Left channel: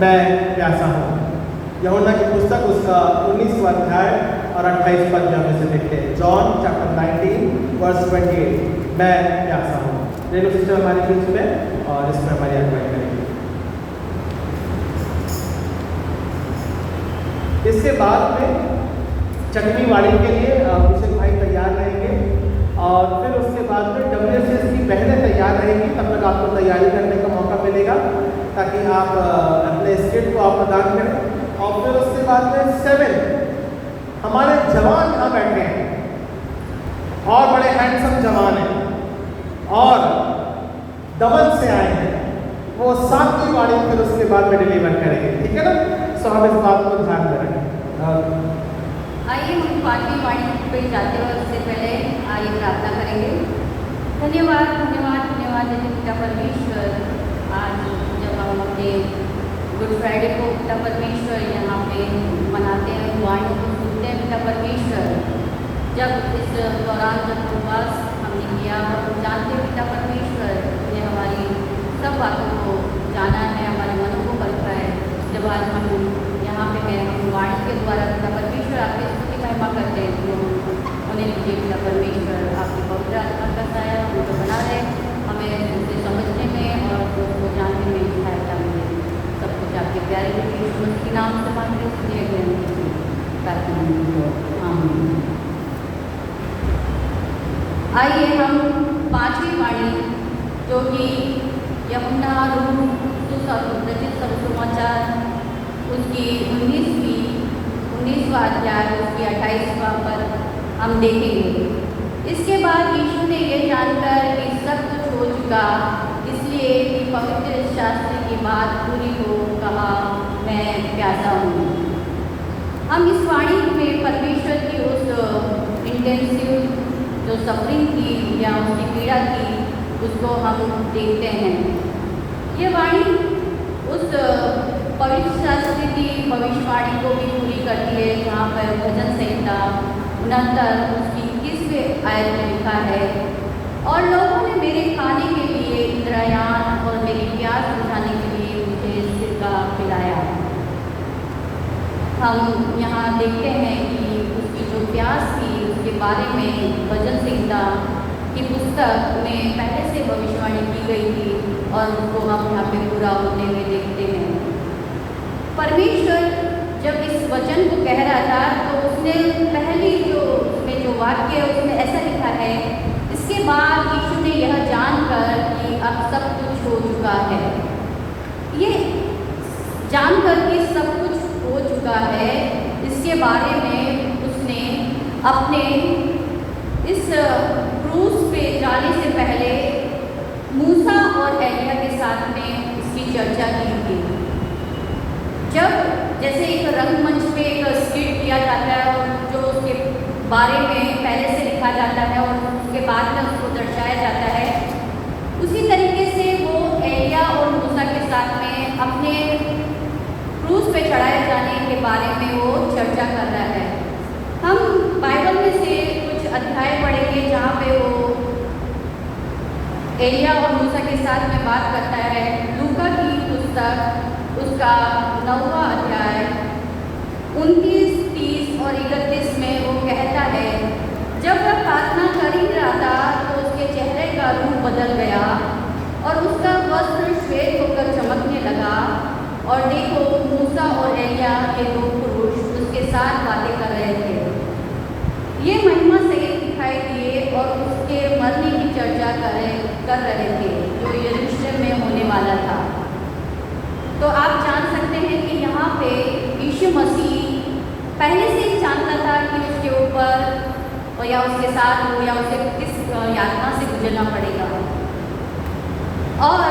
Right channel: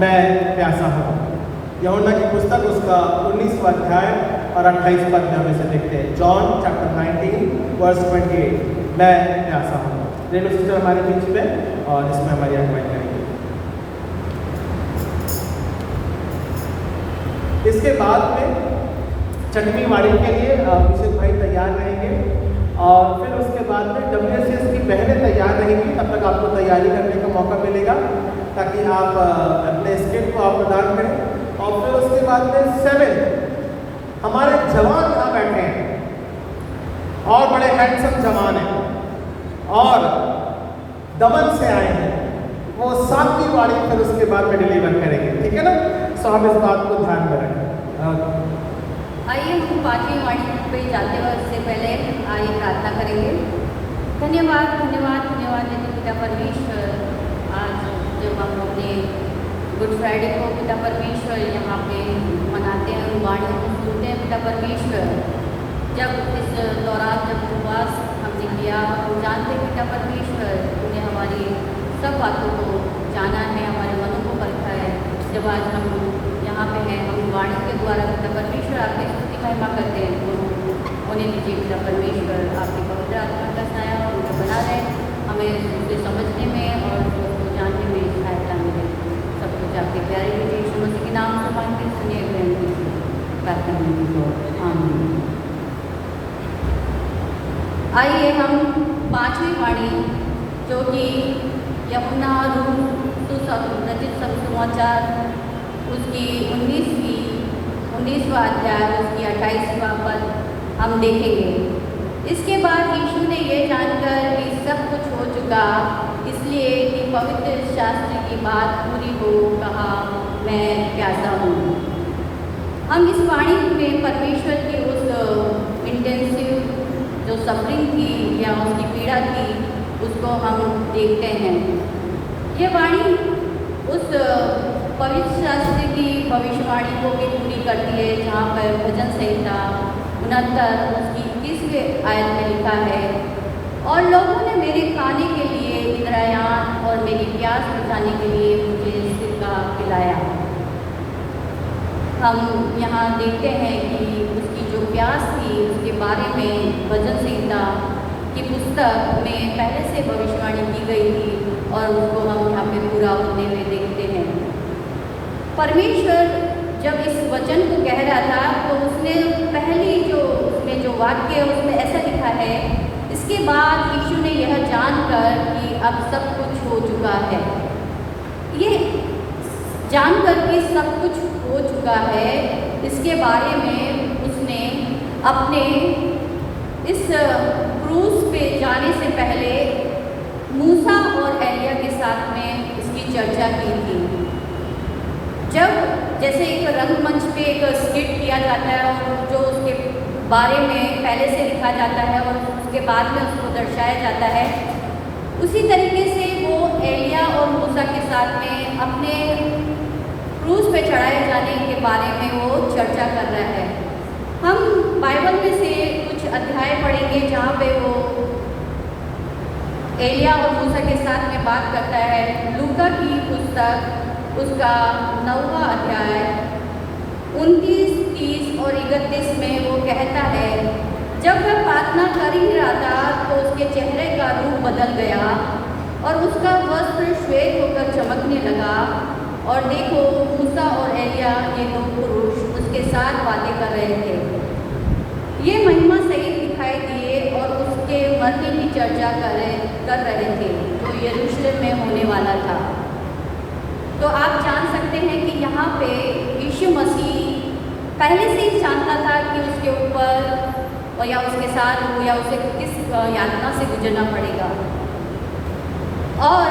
मैं प्यासा हूँ। यूहन्ना की पुस्तक उसका 19वां अध्याय और 28वां अध्याय में से देखते हैं। जॉन चैप्टर 19 वर्स 28, मैं प्यासा हूँ। रेडियो सिस्टर हमारे बीच में और इसमें हमारी अगुवाई करेंगे। इसके बाद में चटनी वाणी के लिए अभिषेक भाई तैयार रहेंगे और फिर उसके बाद में WSS की बहनें तैयार रहेंगी। तब तक आपको तैयारी करने का मौका मिलेगा ताकि आप अपने स्किट को आप प्रदान करें। और फिर उसके बाद में 7 हमारे जवान यहाँ बैठे हैं और बड़े हैंडसम जवान हैं और दमन से आए हैं, वो 7 की वाणी फिर उसके बाद में डिलीवर करेंगे। ठीक है ना? सो हम इस बात को ध्यान में रखें। आइए हम 5वीं वाणी पे जाते हैं। उससे पहले आइए प्रार्थना करेंगे। धन्यवाद धन्यवाद धन्यवाद यदि पिता परमेश्वर, आज जब हम अपने गुड फ्राइडे को पिता परमेश्वर यहाँ पे मनाते हैं, वाणी को सुनते हैं पिता परमेश्वर, जब इस दौरान जब उपवास हमने किया, हम जानते हैं पिता परमेश्वर ने हमारी सब बातों को जाना है, हमारे मनों को परखा है। जब आज हम यहाँ पे हैं, वाणी के द्वारा पिता परमेश्वर आपकी स्तुति महिमा करते हैं, तो उन्हें दीजिए पिता परमेश्वर, आपके पवित्र आत्मा का साया हम पे बना रहे, हमें उसे समझने में और उसको जानने में सहायता मिले। सब कुछ आपके प्यारे बेटे यीशु मसीह के नाम से मांगते सुनिए प्रार्थना। आइए हम 5वीं वाणी जो कि यूहन्ना रचित सुसमाचार उसकी 19वां अध्याय उसकी 28वां पद हम देखेंगे। इसके बाद यीशु ने यह जानकर कि सब कुछ हो चुका, इसलिए कि पवित्र शास्त्र की बात पूरी हो, कहा, मैं प्यासा हूँ। हम इस वाणी में परमेश्वर की उस इंटेंसिव जो सफरिंग थी या उसकी पीड़ा थी, उसको हम देखते हैं। ये वाणी उस पवित्र शास्त्र की भविष्यवाणी को भी पूरी करती है, जहाँ पर भजन संहिता 69 उसकी 21वें आयत में लिखा है, और लोगों ने मेरे खाने के लिए इंद्रियान और मेरी प्यास बुझाने के लिए मुझे सिरका पिलाया। हम यहाँ देखते हैं कि उसकी जो प्यास थी उसके बारे में भजन संहिता की पुस्तक में पहले से भविष्यवाणी की गई थी और उसको हम यहाँ पे पूरा होते हुए देखते हैं। परमेश्वर जब इस वचन को कह रहा था तो उसने पहली जो उसमें जो वाक्य उसमें ऐसा लिखा है, इसके बाद यीशु ने यह जानकर कि अब सब कुछ हो चुका है। ये जानकर कि सब कुछ हो चुका है, इसके बारे में उसने अपने इस क्रूस पे जाने से पहले मूसा और एलिया के साथ में उसकी चर्चा की थी। जब जैसे एक रंगमंच पे एक स्किट किया जाता है और जो उसके बारे में पहले से लिखा जाता है और उसके बाद में उसको दर्शाया जाता है, उसी तरीके से वो एलिया और मूसा के साथ में अपने क्रूस पे चढ़ाए जाने के बारे में वो चर्चा कर रहा है। हम बाइबल में से कुछ अध्याय पढ़ेंगे जहाँ पे वो एलिया और मूसा के साथ में बात करता है। लूका की पुस्तक उसका 9वां अध्याय 29, 30 और 31 में वो कहता है, जब वह प्रार्थना कर ही रहा था तो उसके चेहरे का रूप बदल गया और उसका वस्त्र श्वेत होकर चमकने लगा, और देखो मूसा और एलिया ये दो पुरुष उसके साथ बातें कर रहे थे। ये महिमा सहित दिखाई दिए और उसके मरने की चर्चा कर रहे थे जो यरूशलेम में होने वाला था। तो आप जान सकते हैं कि यहाँ पे यीशु मसीह पहले से ही जानता था कि उसके ऊपर या उसके साथ या उसे किस यातना से गुजरना पड़ेगा, और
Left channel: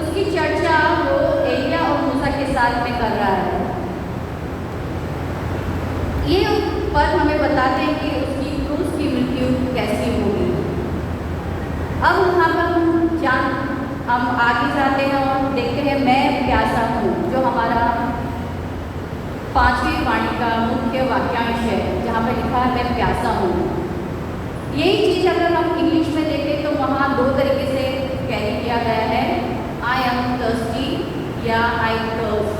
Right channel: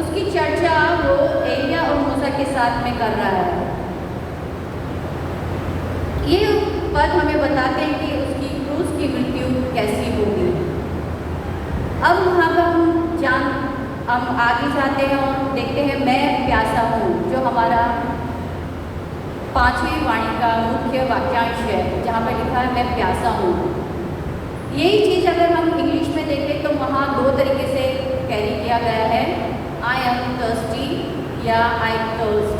उसकी चर्चा वो एलिया और मूसा के साथ में कर रहा है। ये बात हमें बताते हैं कि उसकी क्रूस की मृत्यु कैसी होगी। अब वहाँ पर हम आगे जाते हैं और देखते हैं मैं प्यासा हूँ, जो हमारा 5वीं वाणी का मुख्य वाक्यांश है, जहाँ पे लिखा है मैं प्यासा हूँ। यही चीज़ अगर हम इंग्लिश में देखें तो वहाँ 2 तरीके से कैरी किया गया है, आई एम थर्स्टी या आई थर्स्ट।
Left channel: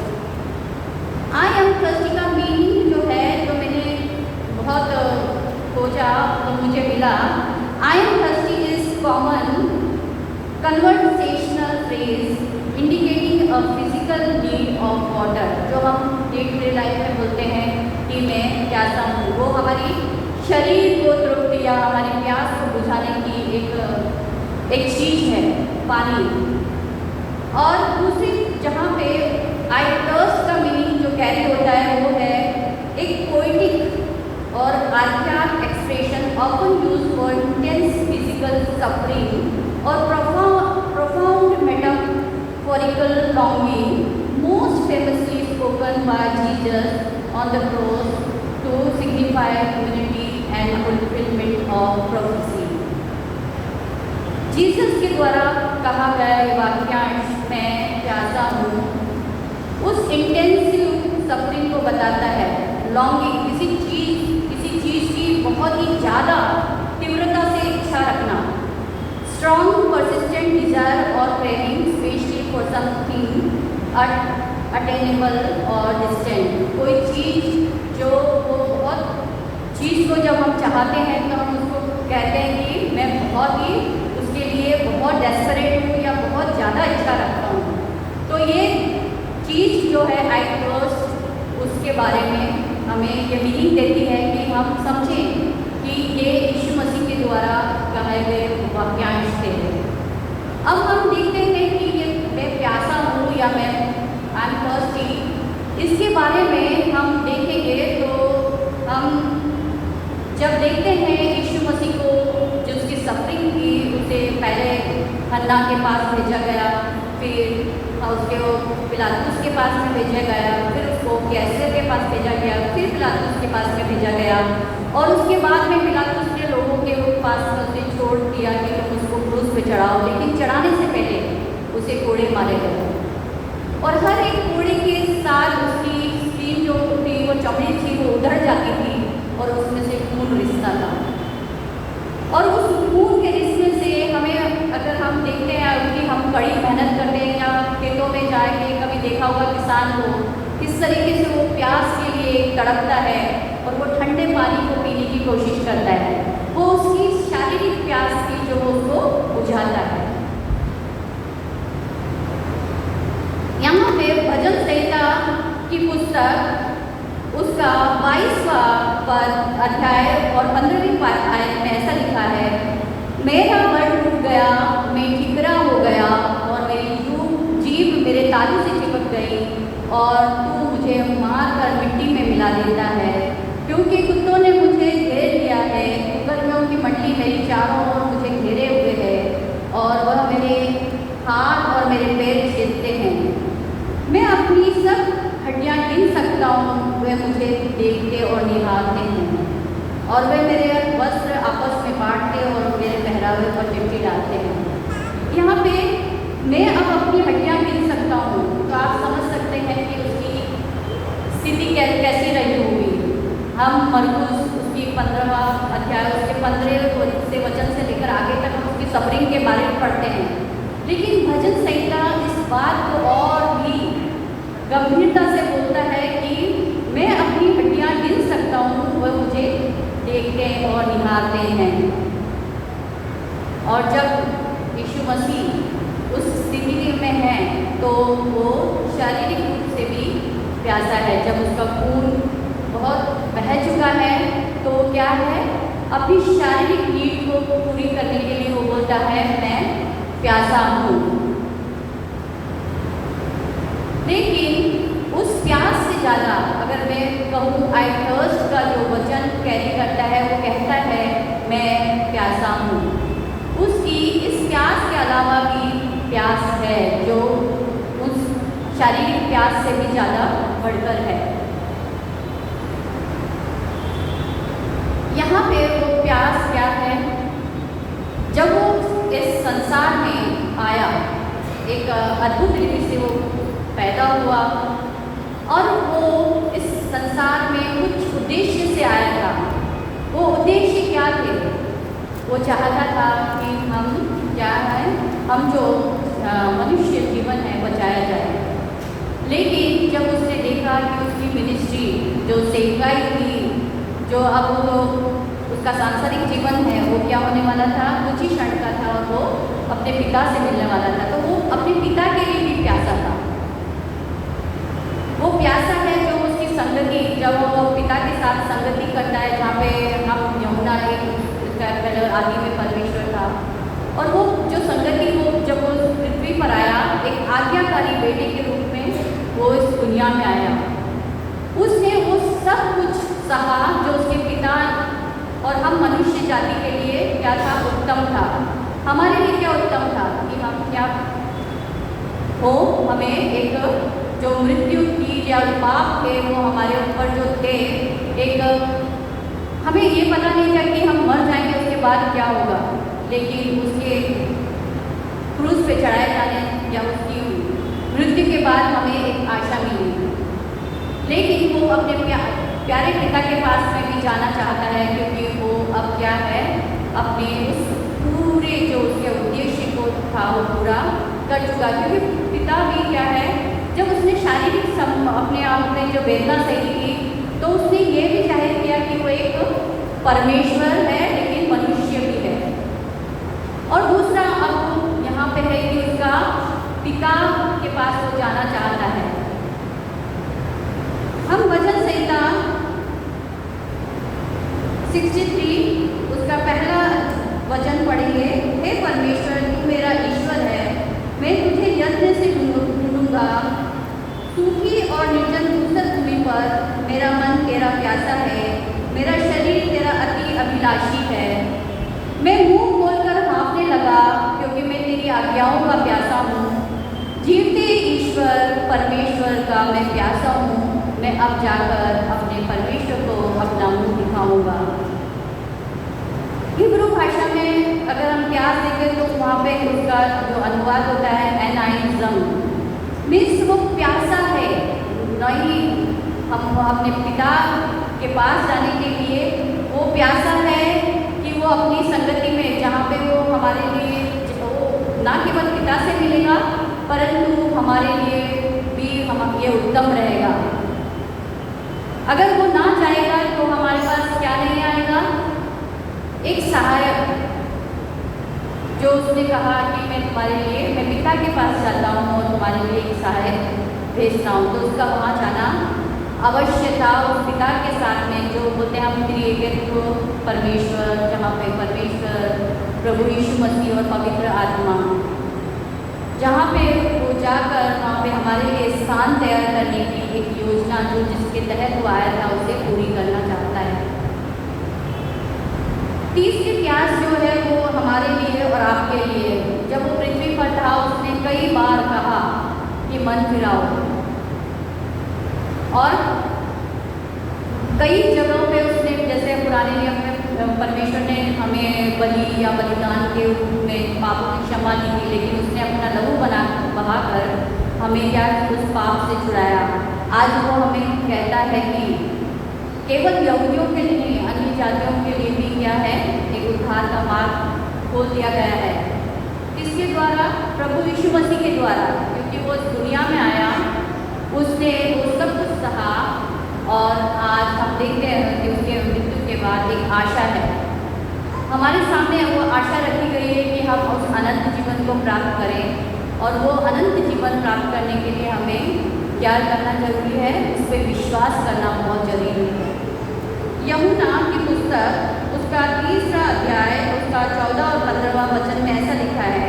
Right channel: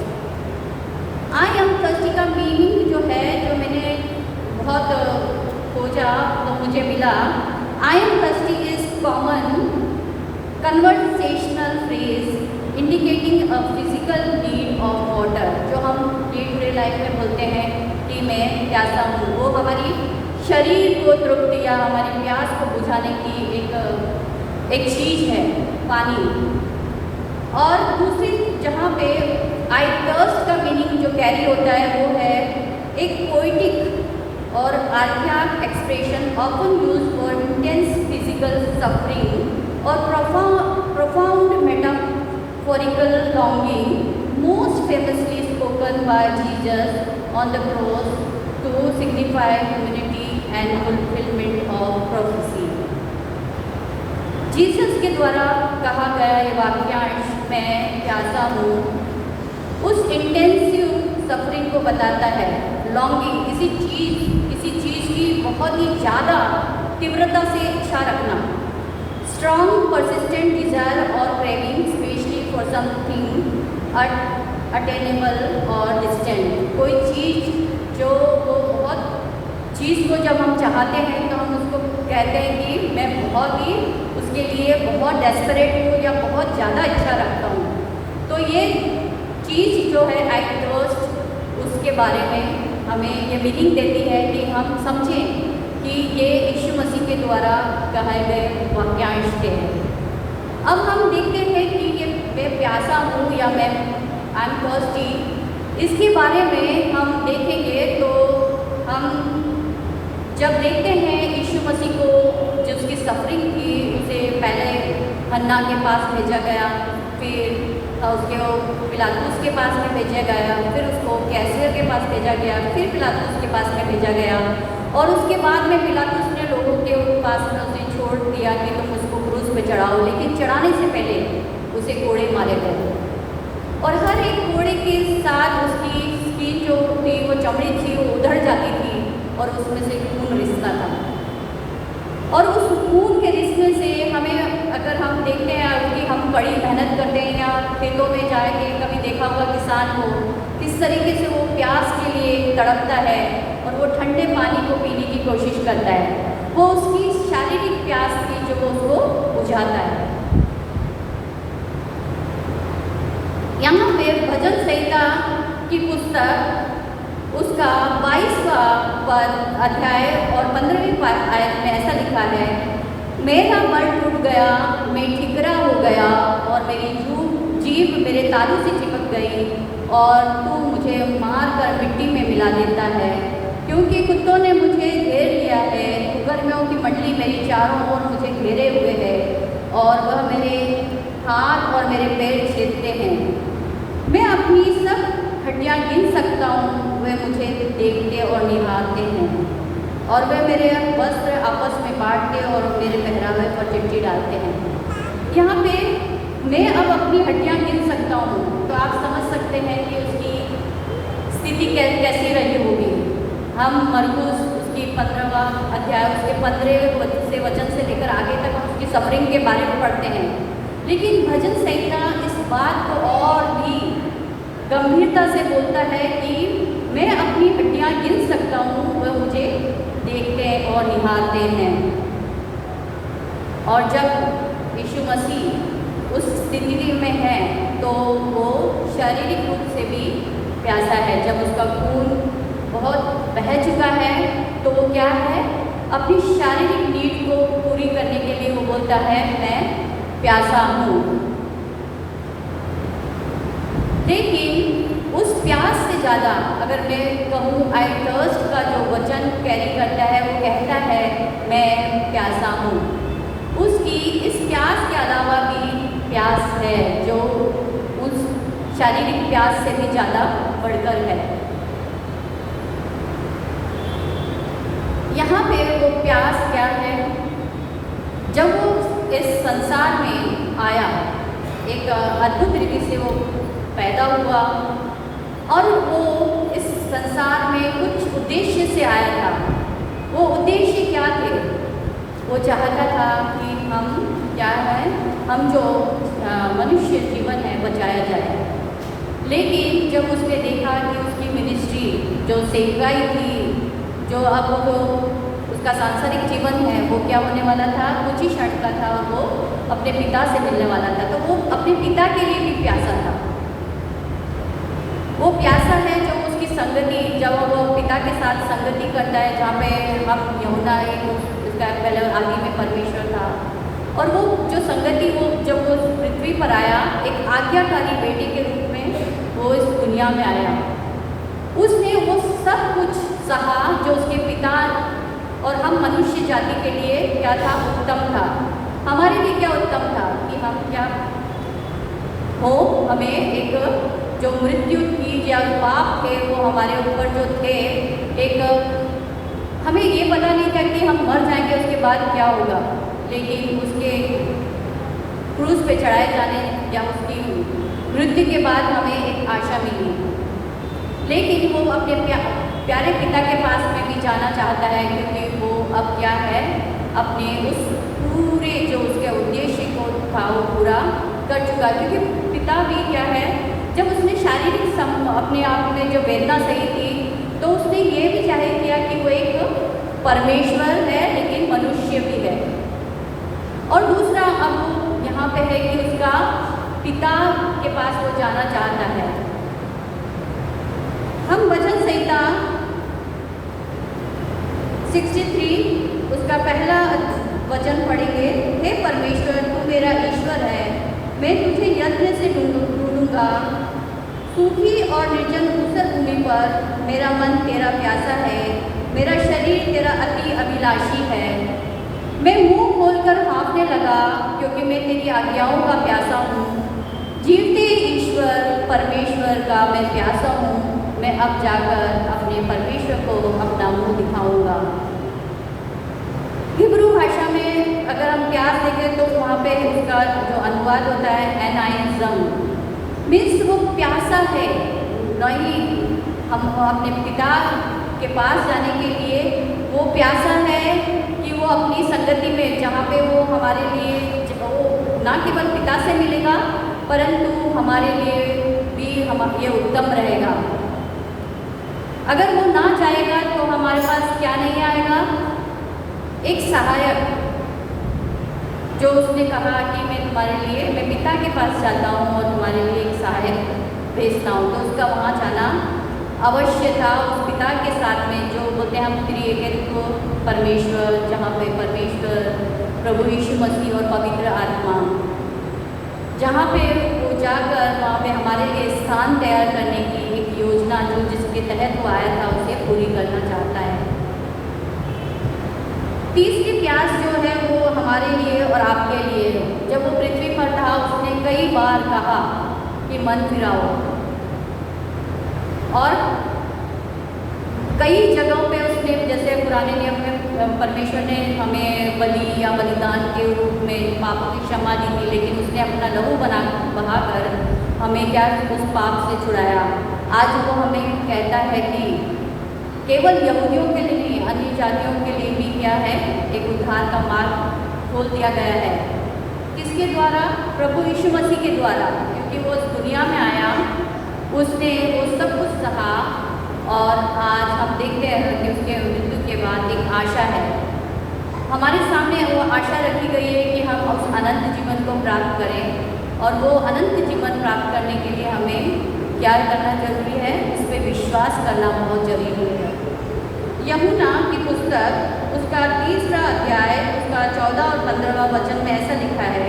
कि मैं प्यासा हूँ। वो हमारी शरीर को तृप्ति या हमारी प्यास को बुझाने की एक चीज़ है, पानी। और दूसरी जहाँ पे आई थर्स्ट का मीनिंग जो कैरी होता है वो है एक पोइटिक और archaic expression often used for intense physical suffering और profound metaphorical longing, most famously spoken by Jesus on the cross to signify humanity and fulfillment of prophecy. Jesus के द्वारा कहा गया ये वाक्यांश मैं प्यासा हूँ उस इंटेंसिव सफरिंग को बताता है। लॉन्गिंग किसी चीज़ की बहुत ही ज़्यादा तीव्रता से इच्छा रखना। स्ट्रॉन्ग परसिस्टेंट डिज़ायर और craving specially for something attainable और डिस्टेंट। कोई चीज़ जो वो बहुत चीज़ को जब हम चाहते हैं तो हम उसको कहते हैं कि मैं बहुत ही उसके लिए बहुत डेस्परेट हूँ या बहुत ज़्यादा इच्छा रखता हूँ। तो ये चीज़ जो है आई थर्स्ट उसके बारे में हमें ये मीनिंग देती है कि हम समझें कि ये यीशु मसीह के द्वारा कहे गए वाक्यांश थे। अब हम देखते हैं कि ये मैं प्यासा हूँ या मैं आई एम थर्स्टी, इसके बारे में हम देखेंगे तो हम जब देखते हैं यीशु मसीह को जो उसकी सफरिंग की, उसे पहले हन्ना के पास भेजा गया, फिर उसके वो पिलातुस के पास में भेजा गया, फिर उसको कैसर के पास भेजा गया, फिर पिलातुस के पास में भेजा गया और उसके बाद में पिलातुस ने लोगों के पास में उसे छोड़ दिया कि तुम उसको क्रूस पे चढ़ाओ, लेकिन चढ़ाने से पहले उसे कोड़े मारे गए और हर एक कोड़े के साथ उसकी स्किन जो थी वो चमड़ी थी वो उधड़ जाती थी और उसमें से खून रिसता था। और उस खून के रिसने से हमें अगर हम देखते हैं कि हम कड़ी मेहनत करते हैं या खेतों में जाके कभी देखा हुआ किसान को किस तरीके से वो प्यास के लिए तड़पता है और वो ठंडे पानी को पीने की कोशिश करता है, वो उसकी शारीरिक प्यास की जो उसको बुझाता है। यहाँ पे भजन संहिता की पुस्तक उसका 22वां अध्याय और 15वीं आयत में ऐसा लिखा है, मेरा मन टूट गया, मैं ठिकरा हो गया और मेरी जीभ मेरे तालू से चिपक गई और तू मुझे मार कर मिट्टी में मिला देता है, क्योंकि कुत्तों ने मुझे घेर लिया है, गर्मियों की मंडली मेरी चारों ओर मुझे घेरे हुए है और वह मेरे हाथ और मेरे पैर छेदते हैं। मैं अपनी सब हड्डियाँ गिन सकता हूँ, वे मुझे देखते और निहारते हैं और वे मेरे वस्त्र आपस में बांटते और मेरे पहरावे पर चिट्ठी डालते हैं। यहाँ पे मैं अब अपनी हड्डियाँ गिन सकता हूँ, तो आप समझ सकते हैं कि उसकी स्थिति कैसी रही होगी। हम मरकुस उसकी 15वां अध्याय उसके 15 से वचन से लेकर आगे तक हम उसकी सफरिंग के बारे में पढ़ते हैं, लेकिन भजन संहिता इस बात को और भी गंभीरता से बोलता है कि मैं अपनी हड्डियाँ गिन सकता हूँ, वह मुझे देखते और निहारते हैं। और जब यीशु मसीह उस स्थिति में है तो वो शारीरिक रूप से भी प्यासा है। जब उसका खून बहुत बह चुका है तो वो क्या है, अपनी शारीरिक नीड को पूरी करने के लिए वो बोलता है मैं प्यासा हूँ। लेकिन उस प्यास से ज़्यादा अगर मैं कहूँ आई थर्स्ट का जो वचन कैरी करता है वो कहता है मैं प्यासा हूँ, उसकी इस प्यास के अलावा भी प्यास है जो उस शारीरिक प्यास से भी ज़्यादा बढ़कर है। यहाँ पे वो प्यास क्या है, जब वो इस संसार में आया एक अद्भुत रीति से वो पैदा हुआ और वो इस संसार में कुछ उद्देश्य से आया था। वो उद्देश्य क्या थे, वो चाहता था कि हम क्या है, हम जो मनुष्य जीवन है बचाया जाए। लेकिन जब उसने देखा कि उसकी मिनिस्ट्री जो सेवकाई थी, जो अब वो उसका सांसारिक जीवन है वो क्या होने वाला था, कुछ ही क्षण का था, वो अपने पिता से मिलने वाला था, तो वो अपने पिता के लिए भी प्यासा था। वो प्यासा है जो उसकी संगति, जब वो पिता के साथ संगति करता है, जहाँ पे हम यमुना एक उसका पहले आदि में परमेश्वर था, और वो जो संगति वो जब वो पृथ्वी पर आया एक आज्ञाकारी बेटे के रूप में वो इस दुनिया में आया, उसने वो सब कुछ सहा जो उसके पिता और हम मनुष्य जाति के लिए क्या था, उत्तम था। हमारे लिए क्या उत्तम था कि हम क्या हो, हमें एक जो मृत्यु की या पाप थे वो हमारे ऊपर जो थे, एक हमें ये पता नहीं था कि हम मर जाएंगे उसके बाद क्या होगा, लेकिन उसके क्रूस पे चढ़ाए जाने या उसकी मृत्यु के बाद हमें एक आशा मिली। लेकिन वो अपने प्यारे पिता के पास में भी जाना चाहता है, क्योंकि वो अब क्या है, अपने उस पूरे जो उसके उद्देश्य को था वो पूरा कर चुका। क्योंकि पिता भी क्या है, जब उसने शारीरिक अपने आप में जो वेदना सही थी, तो उसने ये भी जाहिर किया कि वो एक परमेश्वर है लेकिन मनुष्य भी है। और दूसरा अब यहाँ पे है कि उसका पिता के पास वो जाना चाहता है। हम वचन संहिता 63 उसका पहला वचन पढ़ेंगे। हे परमेश्वर, तू मेरा ईश्वर है, मैं तुझे यत्न से ढूंढूंगा। सूखी और निर्जन धूसर भूमि पर मेरा मन तेरा प्यासा है, मेरा शरीर तेरा अति अभिलाषी है। मैं मुंह खोलकर हाँफने लगा, क्योंकि मैं तेरी आज्ञाओं का प्यासा हूँ। जीवते ईश्वर परमेश्वर का मैं प्यासा हूँ। मैं अब जाकर अपने परमेश्वर को अपना मुंह दिखाऊंगा। हिब्रू भाषा में अगर हम प्यास देखें तो वहाँ पे उसका जो अनुवाद होता है एनाइज्म, मीन्स वो प्यासा है। नहीं, हम अपने पिता के पास जाने के लिए वो प्यासा है कि वो अपनी संगति में, जहाँ पे वो हमारे लिए वो ना केवल पिता से मिलेगा परंतु हमारे लिए भी हम ये उत्तम रहेगा। अगर वो ना जाएगा तो हमारे पास क्या नहीं आएगा, एक सहायक। जो उसने कहा कि मैं तुम्हारे लिए, मैं पिता के पास जाता हूँ और तुम्हारे लिए एक सहायक भेजता हूँ, तो उसका वहाँ जाना अवश्य था। उस पिता के साथ में जो बोलते हैं हम त्रिएकत्व परमेश्वर, जहाँ पे परमेश्वर प्रभु यीशु मसीह और पवित्र आत्मा, जहाँ पे वो जाकर वहाँ पे हमारे लिए स्थान तैयार करने की एक योजना जो जिसके तहत वो आया था उसे पूरी करना चाहता है। तीसरी प्यास जो है वो हमारे लिए और आपके लिए, जब वो पृथ्वी पर था उसने कई बार कहा कि मन फिराओ, और कई जगहों पे उसने, जैसे पुराने नियम में परमेश्वर ने हमें बलि या बलिदान के रूप में पापों की क्षमा दी थी, लेकिन उसने अपना लहू बहाकर हमें क्या उस पाप से छुड़ाया। आज वो हमें कहता है कि केवल यहूदियों के लिए नहीं, अन्य जातियों के लिए भी क्या है, एक उद्धार का मार्ग खोल दिया गया है। किसके द्वारा? प्रभु यीशु मसीह के द्वारा, क्योंकि वो इस दुनिया में आया, उसने वो सब कुछ सहा, और आज हम देखते हैं कि उसके मृत्यु के बाद एक आशा है हमारे सामने। वो आशा रखी गई है कि हम उस अनंत जीवन को प्राप्त करें, और वो अनंत जीवन प्राप्त करने के लिए हमें क्या करना जरूरी है, उस पर विश्वास करना बहुत जरूरी है। यमुना की पुस्तक उसका 3रा अध्याय उसका 14 और 15वां वचन में ऐसा लिखा है,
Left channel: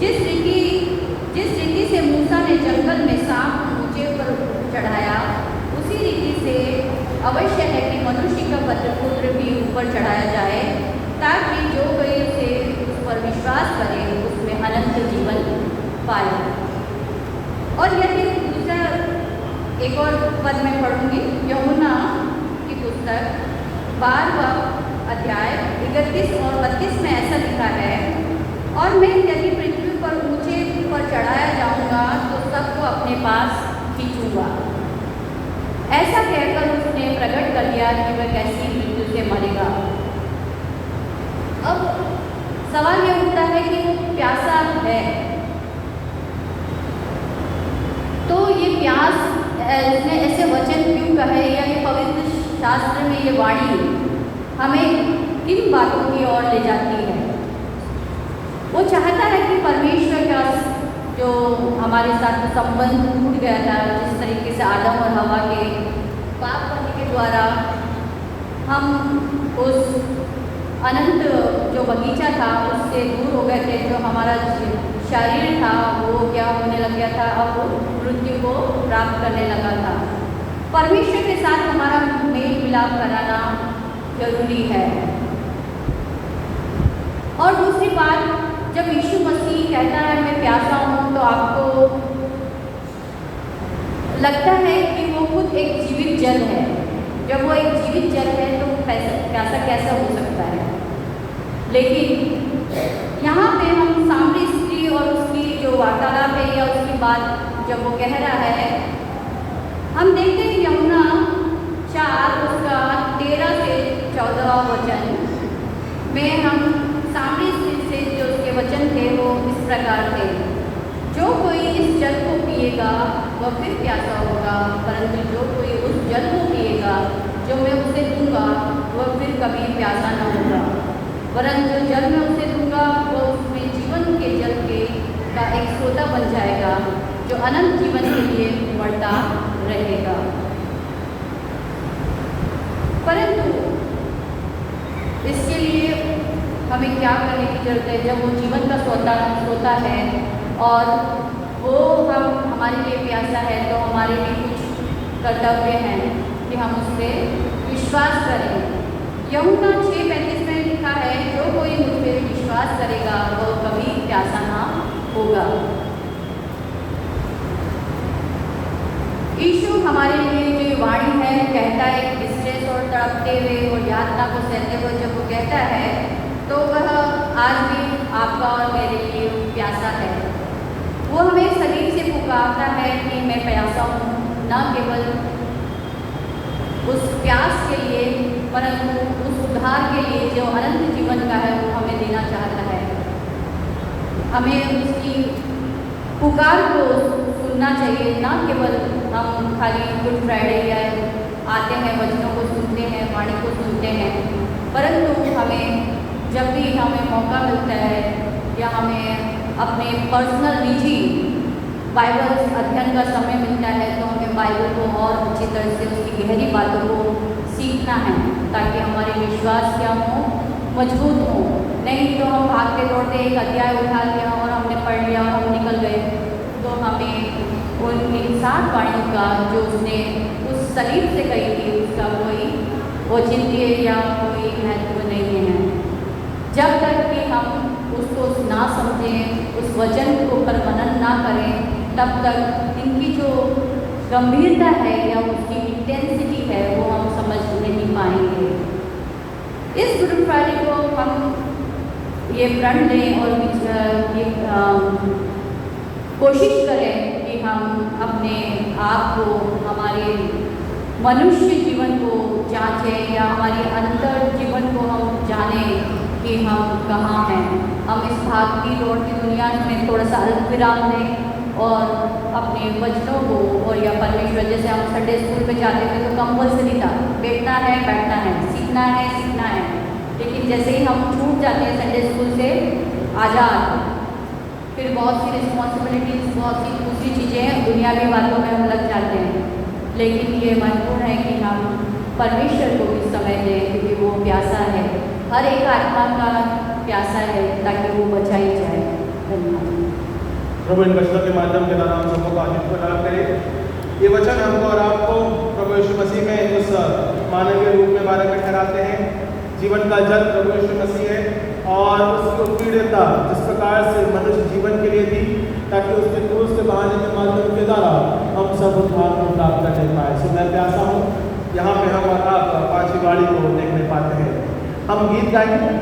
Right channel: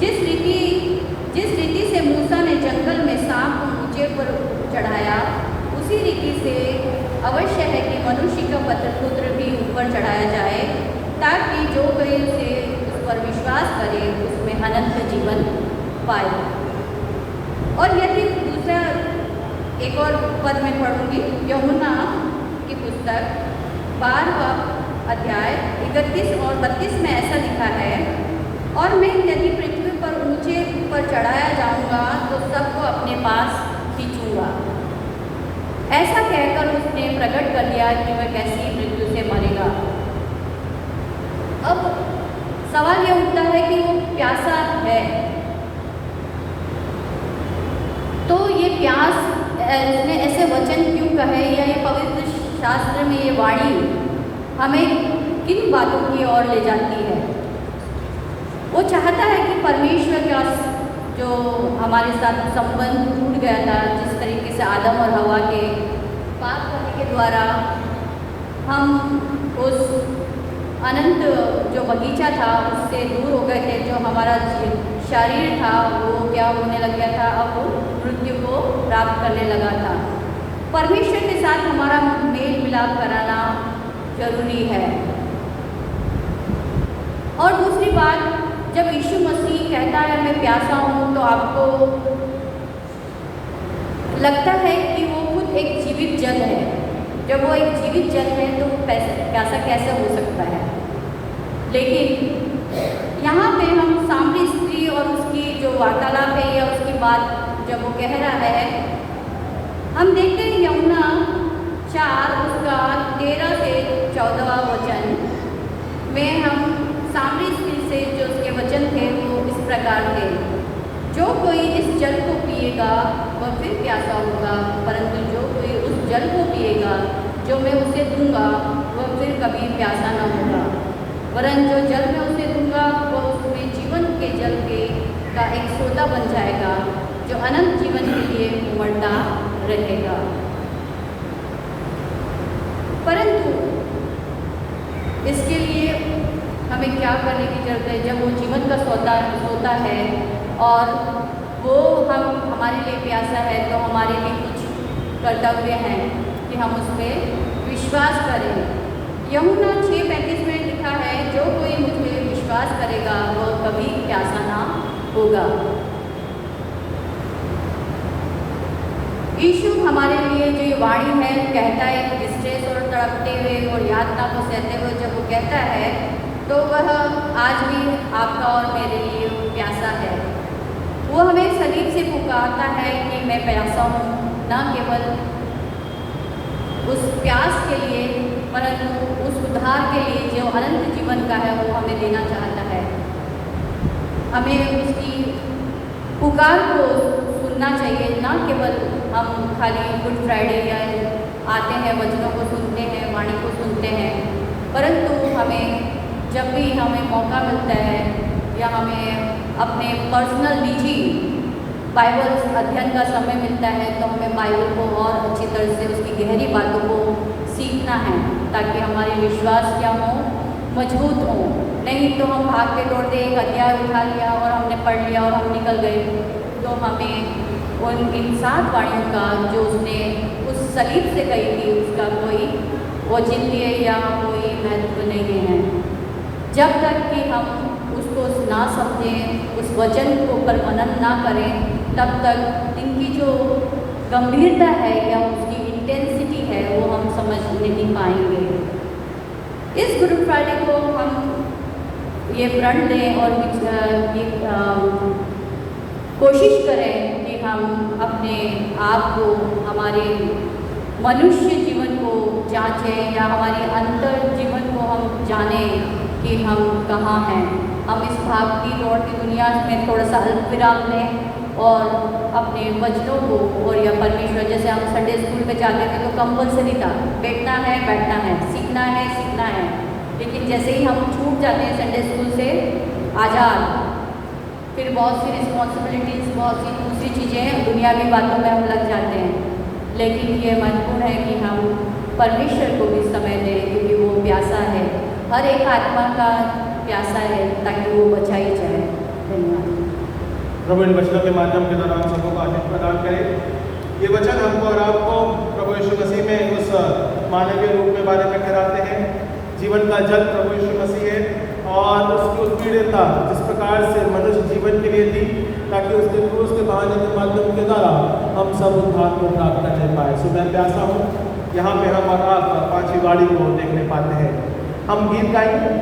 जिस रीति से मूसा ने जंगल में सांप को ऊंचे पर चढ़ाया, उसी रीति से अवश्य है कि मनुष्य का पुत्र भी ऊपर चढ़ाया जाए, ताकि जो कोई उसे उस पर विश्वास करे उसमें अनंत जीवन पाए। और यदि दूसरा एक और पद में पढ़ूंगी, यमुना की पुस्तक 12वां अध्याय 31 और 32 में ऐसा लिखा है, और मैं यदि पृथ्वी पर ऊंचे पर चढ़ाया जाऊंगा तो सबको अपने पास खींचूंगा। ऐसा कहकर उसने प्रकट कर दिया कि वह कैसी मृत्यु से मरेगा। अब सवाल यह उठता है कि वो प्यासा है, तो ये प्यास उसने ऐसे वचन क्यों कहे, या ये पवित्र शास्त्र में ये वाणी हमें किन बातों की ओर ले जाती है? वो चाहता है कि परमेश्वर का जो हमारे साथ संबंध टूट गया था, जिस तरीके से आदम और हवा के द्वारा हम उस अनंत जो बगीचा था उससे दूर हो गए थे। जो हमारा शरीर था वो क्या होने लग गया था, अब मृत्यु को प्राप्त करने लगा था। परमेश्वर के साथ हमारा मेल मिलाप कराना जरूरी है। और दूसरी बात, जब यीशु मसीह कहता है मैं प्यासा हूँ, तो आपको लगता है कि वो खुद एक जीवित जल है। जब वो एक जीवित जल है तो वो प्यासा कैसे हो सकता है। लेकिन यहाँ पे हम सामरी स्त्री और उसकी जो वार्तालाप है या उसकी बात जब वो कह रहा है, हम देखते हैं यूहन्ना 4 उसका 13 से 14 वचन में हम सामरी स्त्री से जो उसके वचन थे वो इस प्रकार थे, जो कोई इस जल को पिएगा वह फिर प्यासा होगा, परंतु जो कोई उस जल को पिएगा जो मैं उसे दूंगा वह फिर कभी प्यासा न होगा, वरन जो जल मैं उसे दूंगा वो उसमें जीवन के जल के का एक सोता बन जाएगा, जो अनंत जीवन के लिए बढ़ता रहेगा। परंतु इसके लिए हमें क्या करने की जरूरत है? जब वो जीवन का सोता है और वो हम हमारे लिए प्यासा है, तो हमारे भी कुछ कर्तव्य हैं कि हम उस पर विश्वास करें। यूहन्ना 6:35 में लिखा है, जो कोई मुझ पर विश्वास करेगा वो कभी प्यासा ना होगा। यीशु हमारे लिए जो वाणी है कहता है, डिस्ट्रेस और तड़पते हुए और यातना को सहते हुए जब वो कहता है, तो वह आज भी आपका और मेरे लिए प्यासा है। वो हमें सलीब से पुकारता है कि मैं प्यासा हूँ, न केवल उस प्यास के लिए परंतु उस उद्धार के लिए जो अनंत जीवन का है वो हमें देना चाहता है। हमें उसकी पुकार को सुनना चाहिए, ना केवल हम खाली गुड फ्राइडे या आते हैं, वचनों को सुनते हैं, वाणी को सुनते हैं, परंतु हमें जब भी हमें मौका मिलता है या हमें अपने पर्सनल निजी बाइबल अध्ययन का समय मिलता है, तो हमें बाइबल को और अच्छी तरह से उसकी गहरी बातों को सीखना है, ताकि हमारे विश्वास क्या हो, मजबूत हो। नहीं तो हम भागते दौड़ते एक अध्याय उठा लिया और हमने पढ़ लिया और हम निकल गए, तो हमें उन इन 7 वाणियों का जो उसने उस सलीब से कही थी उसका कोई औचित्य या कोई महत्व नहीं है। जब तक कि हम उसको ना समझें, उस वचन को पर मनन ना करें, तब तक इनकी जो गंभीरता है या उसकी इंटेंसिटी है वो हम समझ नहीं पाएंगे। इस गुड फ्राइडे को हम ये प्रण लें और ये कोशिश करें कि हम अपने आप को, हमारे मनुष्य जीवन को जांचें या हमारी अंतर जीवन को हम जानें कि हम कहाँ हैं। हम इस भागती दौड़ती दुनिया में थोड़ा सा अल्प विराम लें और अपने वचनों को, और या परमेश्वर, जैसे हम संडे स्कूल में जाते थे तो कंपल्सरी था, बैठना है, सीखना है, लेकिन जैसे ही हम छूट जाते हैं संडे स्कूल से आज़ाद, फिर बहुत सी रिस्पॉन्सिबिलिटीज़, बहुत सी दूसरी चीज़ें, दुनियावी बातों में हम लग जाते हैं। लेकिन ये महत्वपूर्ण है कि हम परमेश्वर को भी समय दें, क्योंकि वो प्यासा है, हर एक आत्मा का प्यासा है, ताकि वो बचाई जाए। धन्यवाद। प्रभु इन वचनों के माध्यम के द्वारा हम सबको आशीष प्रदान करें। ये वचन हमको और आपको प्रभु यीशु मसीह में उस मानवीय रूप के बारे में कराते हैं। जीवन का जल प्रभु यीशु मसीह है और उसकी उत्पीड़ितता जिस प्रकार से मनुष्य जीवन के लिए दी, ताकि उसके क्रूस के बहाने के माध्यम के द्वारा हम सब उद्धार को प्राप्त करने पाए। सो मैं प्यासा हूँ, यहाँ पे हम और आप 5वीं गाड़ी को देखने पाते हैं। हम गीत गाएंगे।